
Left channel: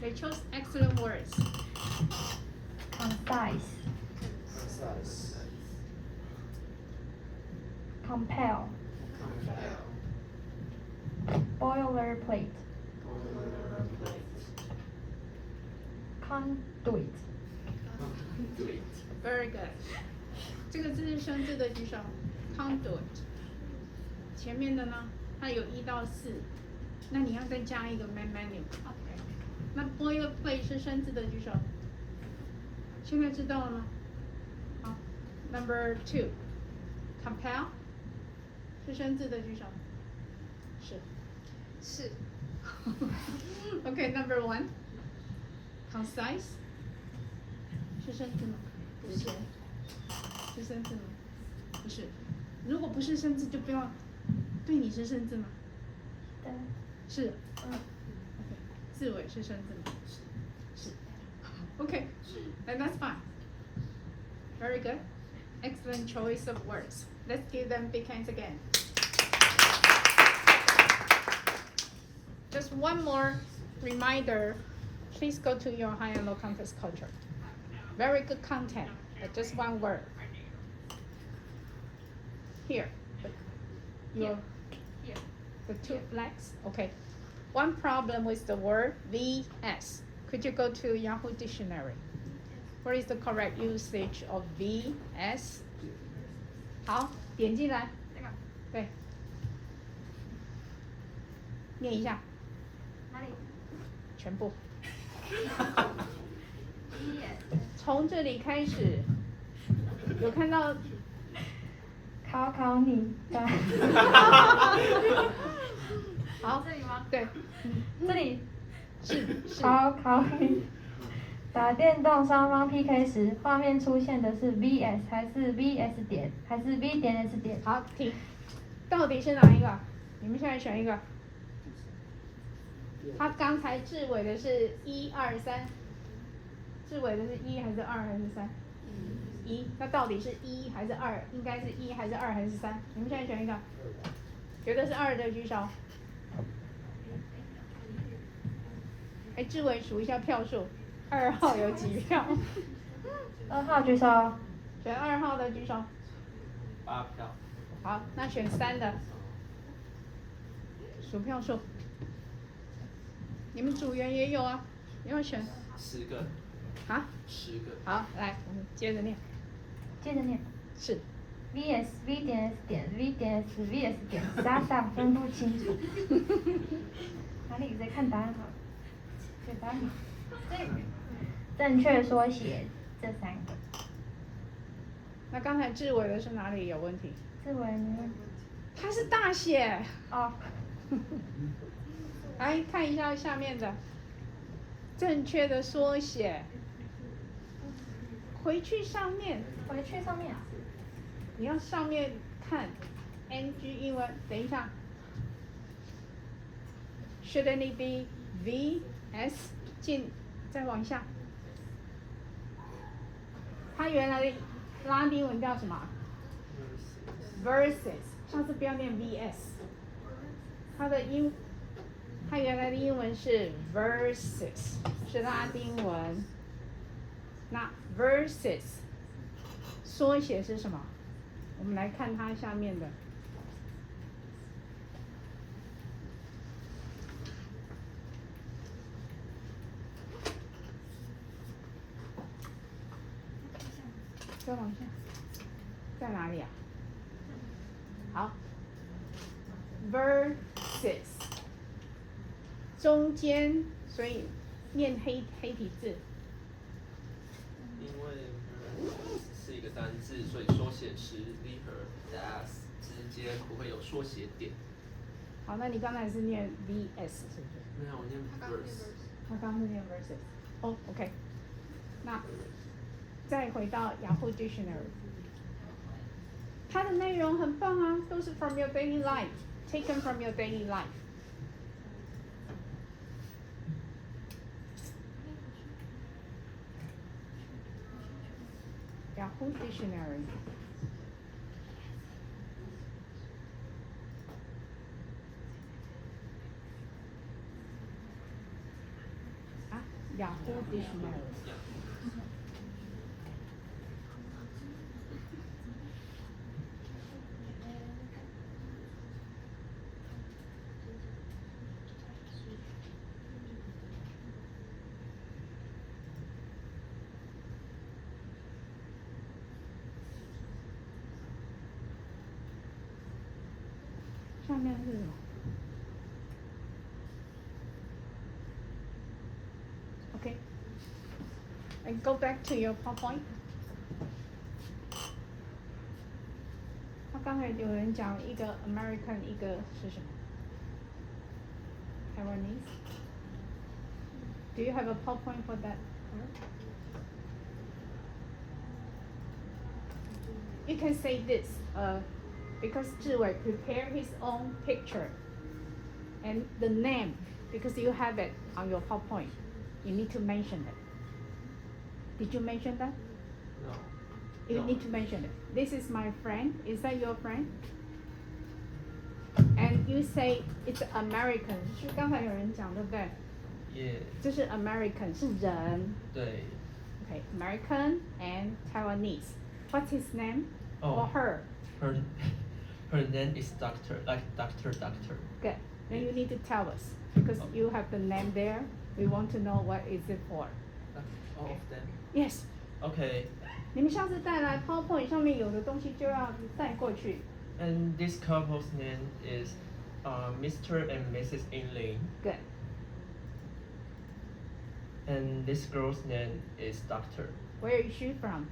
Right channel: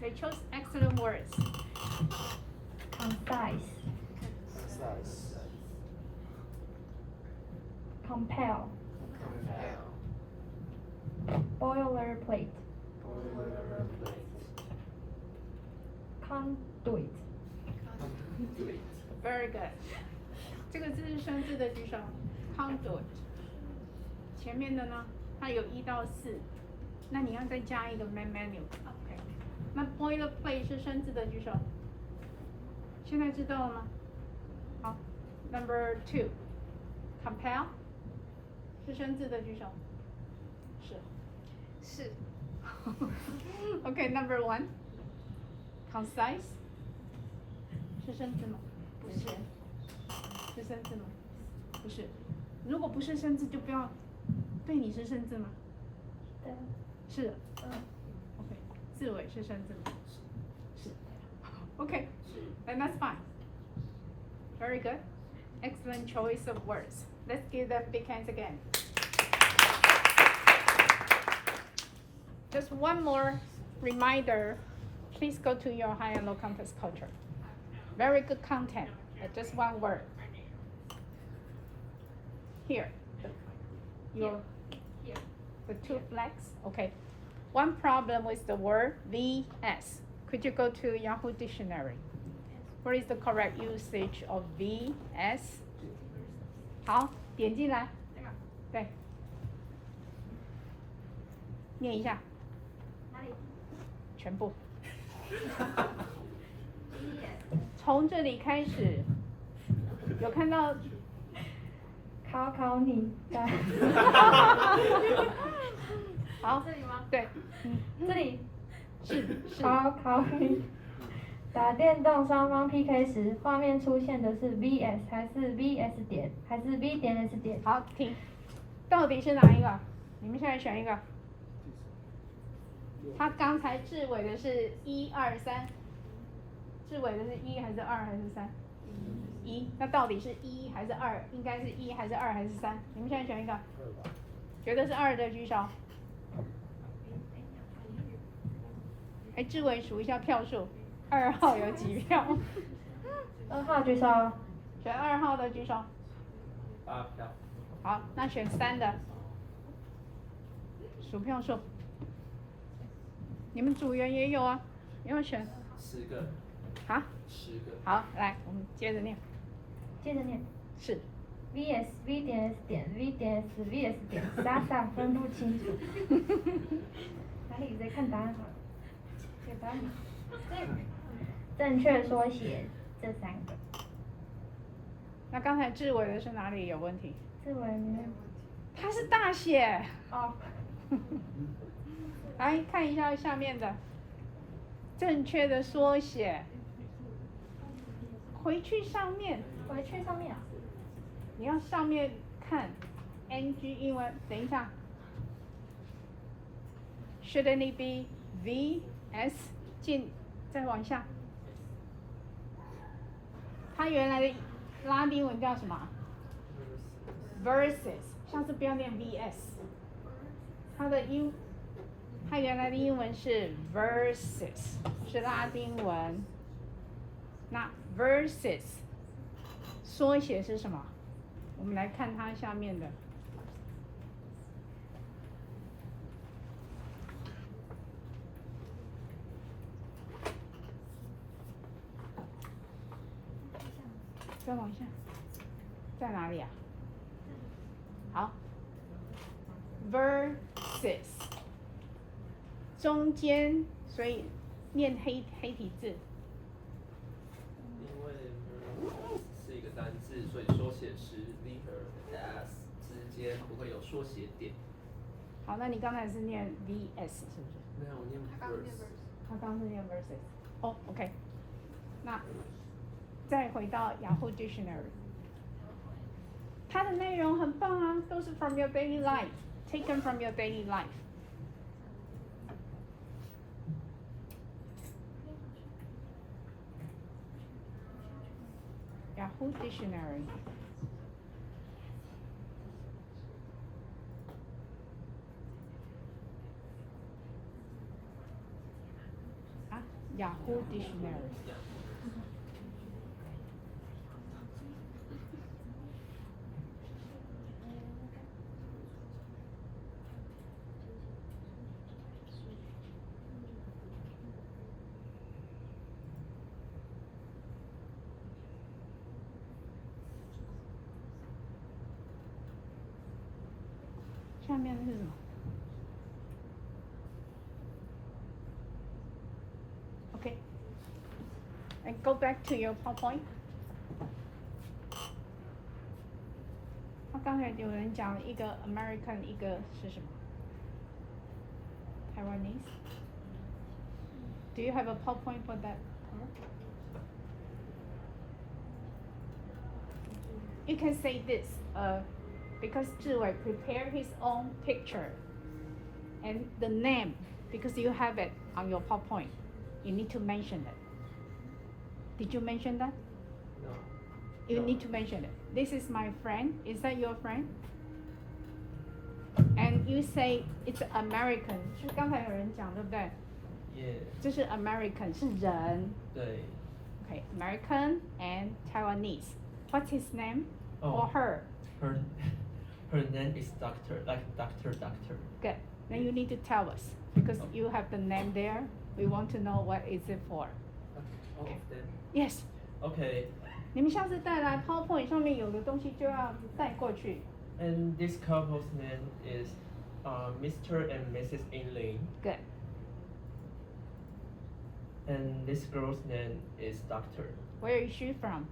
They chose excellent words. Concise. Compel. Boilerplate. Conduit. Very good. 这个字是生字的举手。Conduit. 前面的呢，它有1到4，那你要再加一个 main menu。那 boilerplate 是生字的举手。现在知道了吗？好 ，Number 2. Compel 是生字的举手。是。Okay, Number 1. Concise 是生字吗？不是。是生字吗？不是。如果不是生字，就不要。对你是生字吗？对。是。字尾是生字吗？是。Okay, and that's fine. Very good. Excellent choice of words. Let's give them big hands again. Just one more reminder. Please go to your high and low context culture. Very good content, but just one word. Here. Your, the 2 flags. Okay. One problem with the word VS. Could you go to Yahoo Dictionary? What is the correct usage of VS? 好，点进来。对。念一下。哪里？全部。从这里开始，有看到？考你的。好，这里吗？对。这里。考你。打电动双方 PK 时，画面出现的是 VS 还是 VS 点还是 V 点 S 点？好，停。到底是哪一个？你们现在选一个。他刚才置尾的是1、2、3，置尾的是1还是2还是3？1。那到底是1还是2？应该是1还是2还是3？你们现在选一个。觉得是2的举手。哎，志伟数一下票数，2号有几票？2号举手。选2号的举手。8票。好，那选3的。数票数。你们组员也有啊，你要选。10个。啊？10个。好，来，我们接着念。接着念。是。VS V 点 S 点 V 点 S VS 点，傻分不清楚。哪里在看答案好了？写答案吗？对。正确缩写这3个。那刚才志伟的是哪里有问题？志伟没问题。他是大写。哦。来看一下下面的，正确的缩写。回去上面，回去上面。你要上面看 NG 英文。等一下 ，Shouldn't it be VS 进再往下？它原来的拉丁文叫什么 ？Versus， 下次不要念 VS。它原来的英文是 versus， 是拉丁文。那 versus 缩写是什么？我们来看它下面的。再往下，在哪里啊？好 ，versus 中间，所以念黑体字。因为是一个单字，所以缩写时 v 和 s 之间不会有缩写点。好，那你刚才是念 vs 是不是？没有，我念 verse。他刚刚是念 versus。哦 ，OK。那再回到雅虎 Dictionary， 它的内容很棒啊，都是 from your daily life，taken from your daily life。Yahoo Dictionary。啊，Yahoo Dictionary。下面是什么 ？OK， and go back to your PowerPoint。他刚才有人讲一个 American， 一个是什么 ？Taiwanese。Do you have a PowerPoint for that? You can say this, because Zhi Wei prepared his own picture and the name, because you have it on your PowerPoint. You need to mention it. Did you mention that? No. You No. need to mention it. This is my friend. Is that your friend? And you say it's American. 是刚才有人讲对不对？ Yeah. 这是 American 是人。对。Okay, American and Taiwanese. What's his name? Oh. Or her? Her name is Doctor, like Doctor. Good. Then you need to tell us, because you have the name there. We want to know what is it for. All of them. Yes. Okay. 你们下次带来 PowerPoint 上面有的东西就要带过去。And this couple's name is Mr. and Mrs. Liang. Good. And this girl's name is Doctor. Where is she from?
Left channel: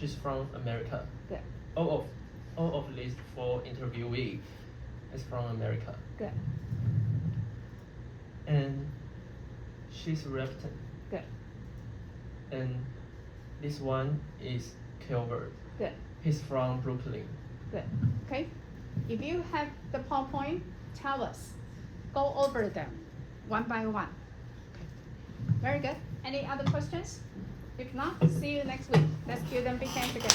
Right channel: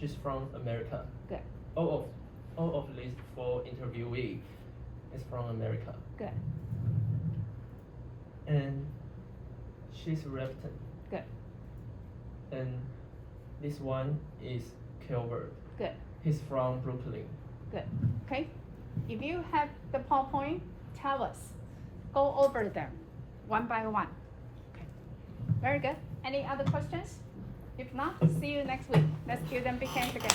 She's from America. Good. All of these 4 interviewee is from America. Good. And she's Repton. Good. And this one is Calvert. Good. He's from Brooklyn. Good. Okay. If you have the PowerPoint, tell us. Go over them one by one. Okay. Very good. Any other questions? If not, see you next week. Let's give them big hand together.